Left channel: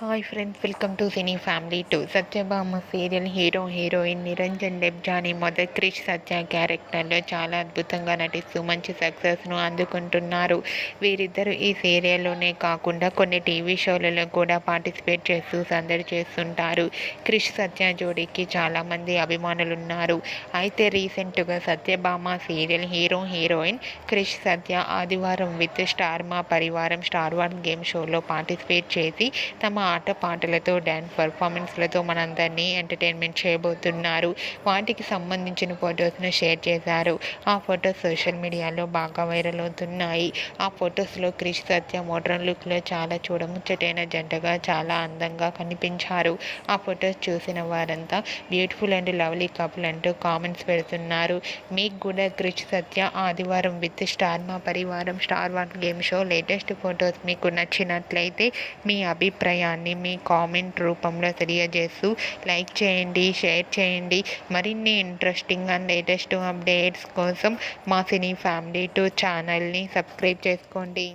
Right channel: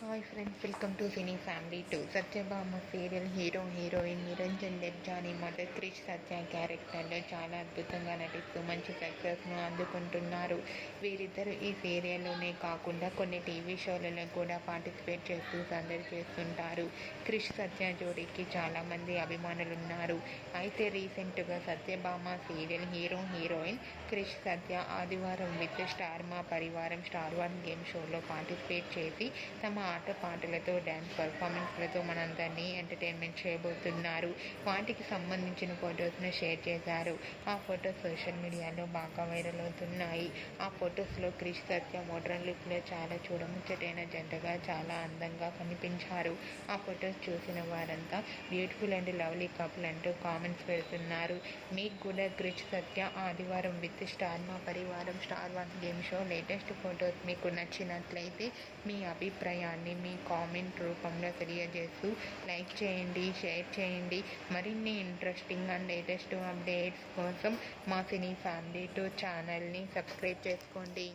Hi friends, welcome to cine family two. Satyabhama serial hero heroine Niranjan Debjani మొదటి క్రిష్ సత్య క్యారెక్టర్లో చాలా అద్భుతంగా నటిస్తూ మంచి సక్సెస్ను అందుకుంటున్నారు. వీరిద్దరూ ఈ సీరియల్లోనే కాకుండా కొన్ని టీవీ షోలలో కూడా పార్టిసిపేట్ చేస్తూ సందడి చేస్తుంటారు. క్రిష్ సత్య జోడీకి చాలామంది అభిమానులున్నారు. అయితే రీసెంట్గా Satyabhama serial hero heroine Krish Satya Aadivaram with Star Maa Parivaram Star one game షోలో పార్టిసిపేట్ చేసి తమ ఆట పాటలతో డ్యాన్స్ పర్ఫార్మెన్స్లతో మనందరినీ ఎంటర్టైన్మెంట్ చేయబోతున్నారు. వాటికి సంబంధించిన ఫొటోస్ను షేర్ చేశారు. ఆ ఫొటోస్ సోషల్ మీడియాలో బాగా వైరల్ అవుతున్నాయి. ఆ ఫొటోస్లో క్రిష్ సత్య మోడ్రన్ లుక్లో చాలా చూడముచ్చటైన జంటగా చాలా అందంగా కనిపించారు. ఆ ఫొటోస్ చూసిన వారంతా బ్యూటిఫుల్ అండ్ లవ్లీ కపుల్ అంటూ కామెంట్స్ పెడుతున్నారు. మీకు కూడా Krish Satya Aadivaram with Star Maa Parivaram Star one game show latest photos మీకు నచ్చినట్లయితే మీ అభిప్రాయాన్ని మీ కామెంట్ రూపంలో తెలియజేస్తూ లైక్ చేయండి, షేర్ చేయండి. మరిన్ని ఇంట్రెస్టింగ్ అండ్ లేటెస్ట్ అప్డేట్స్ కోసం మా సినీ ఫ్యామిలీ టూ ఛానల్ని సబ్స్క్రైబ్ చేసుకోండి.